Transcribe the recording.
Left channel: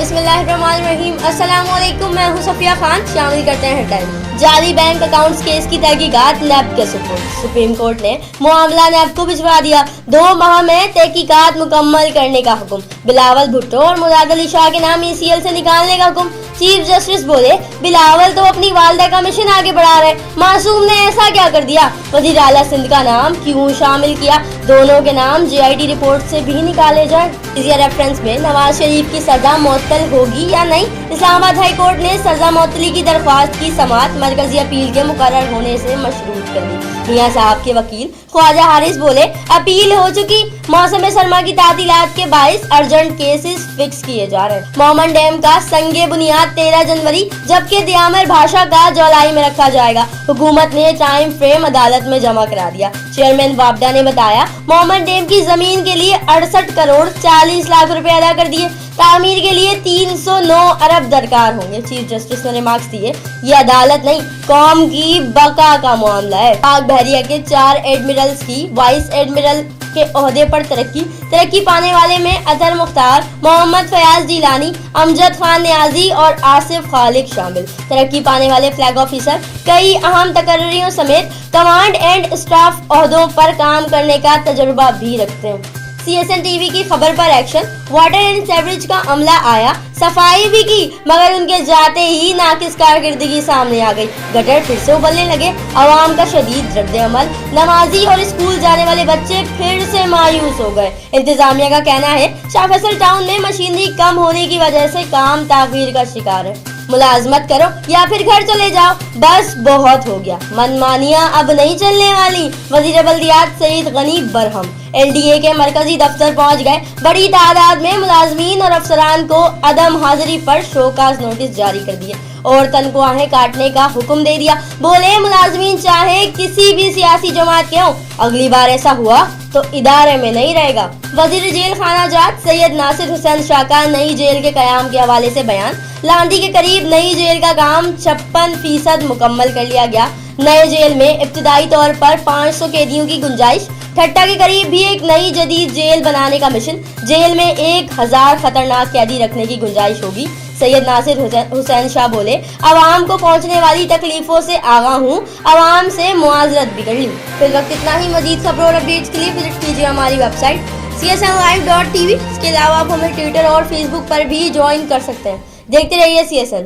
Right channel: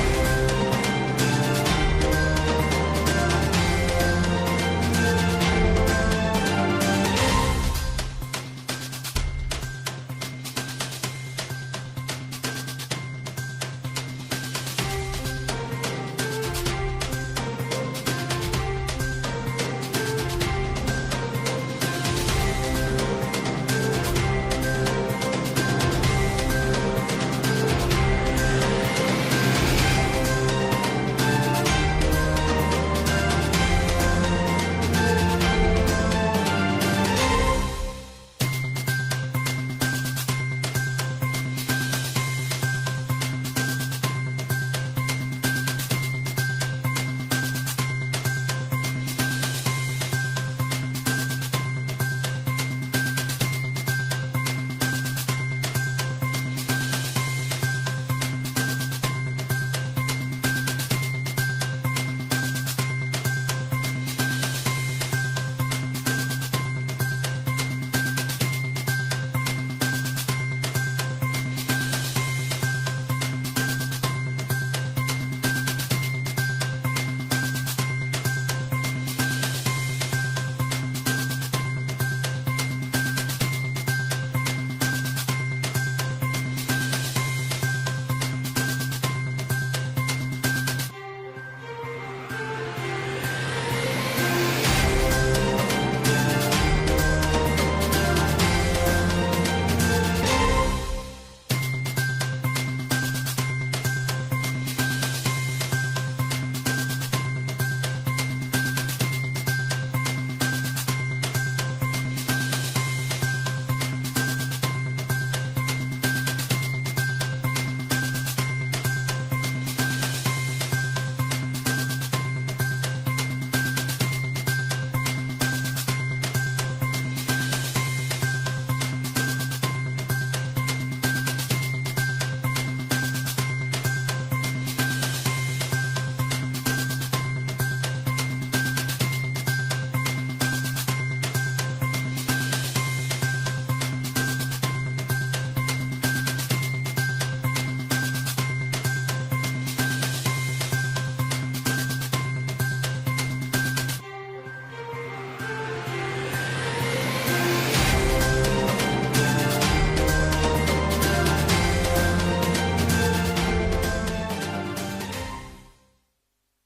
बिस्मिल्लाहिर्रहमानिर्रहीम। अस्सलाम वालेकुम, मैं हूं सफिया खान। शामिल करते हैं हेडलाइन। जाली बैंक अकाउंट्स केस की तहकीकात नैब के सुप्रीम कोर्ट ने मामला नैब को भिजवा दिया। 2 माह में तहकीकात मुकम्मल करने का हुक्म। बिलावल भुट्टो और मुराद अली शाह के नाम ECL से निकालने का हुक्म। चीफ जस्टिस बोले, बिलावल तो अपनी वालदा का मिशन आगे बढ़ा रहे, मासूम ने ऐसा क्या कर दिया? वजीर आला सिंध का नाम क्यों शामिल किया? दोनों के नाम JIT रिपोर्ट से भी निकाले जाएं। इसी रेफरेंस में नवाज शरीफ की सजा मुअत्तल होगी या नहीं? इस्लामाबाद हाई कोर्ट ने सजा मुअत्तली की दरख्वास्त की समाअत मरकजी अपील के मुकर्रर होने से मशरूत कर दी। मियां साहब के वकील ख्वाजा हारिस बोले, अपील हो चुकी, मौसम सरमा की तातीलात के बाइस अर्जेंट केसेस फिक्स किए जा रहे हैं। मोमन डैम का संगे बुनियाद 13 जनवरी जबकि दियामर भाषा का जुलाई में रखा जाएगा। हुकूमत ने टाइम फ्रेम अदालत में जमा करा दिया। चेयरमैन वापडा ने बताया, मोमन डैम की जमीन के लिए 68 करोड़ 40 लाख रुपए अदा कर दिए। तामीर के लिए 309 अरब दरकार होंगे। चीफ जस्टिस ने रिमार्क्स दिए, ये अदालत नहीं, कौम की बका का मामला है। पाक बहरिया के 4 एडमिरल्स की वाइस एडमिरल के ओहदे पर तरक्की पाने वाले में अतर मुख्तार, मोहम्मद फयाज जिलानी, अमजद खान नियाजी और आसिफ खालिक शामिल। तरक्की पाने वाले फ्लैग ऑफिसर कई अहम तकर्रियों समेत कमांड एंड स्टाफ ओहदों पर काम करने का तजुर्बा भी रखते हैं। CSN TV की खबर पर एक्शन। वाटर एंड सेवरेज का अमला आया, सफाई भी की, मगर उनके जाते ही नाकिस कारकर्दगी सामने आ गई। गटर फिर से उबलने लगे। आवाम का शदीद रद्द-ए-अमल। नमाजी और स्कूल जाने वाले बच्चे फिर से मायूस हो गए। इंतजामिया का कहना है, शाह फैसल टाउन में मशीनरी कम होने की वजह से काम ताखीर का शिकार है। मुलाजमत करो या फिर घर चले जाओ, बस बहुत हो गया। मनमानियां अब नहीं चलने वाली। वजीर बल्दियात सईद गनी बरहम LDA के मरकजी दफ्तर पहुंच गए। बड़ी तादाद में मुलाजमीन और अफसरान को अदम हाजिरी पर शोकाज नोटिस जारी कर दिए और तनख्वाहें काटने का हुक्म दे दिया। बोले, मुलाजमीन चाहे किसी भी सियासी जमात के हों, अगली बार ऐसा हुआ तो इदारे में नहीं रहेगा। वजीर जेल खाना जात सैयद नासिर हुसैन शाह का नई जेल के कयाम के हवाले से बयान। लांदी के करीब नई जेल का काम 56% मुकम्मल कर लिया गया। नए जेल में इब्तिदाई तौर पर 500 कैदियों की गुंजाइश। ठट्टा के करीब भी एक नई जदीद जेल बनाने का मिशन। जेल में 1000 खतरनाक कैदी रखने की गुंजाइश होगी। सैयद नासिर हुसैन शाह बोले, अवाम को पहुंचने वाली तकलीफों से आगाह हूँ, अवाम से मुआजरत बिगड़ ली। फिर वक्त इतना ही। मजीद खबरों और अपडेट्स के लिए विजिट कीजिए हमारी वेबसाइट csnlive.tv। इसके अलावा आप हमें ट्विटर और फेसबुक पर भी ज्वाइन कर सकते हैं। देखते रहिए CSN।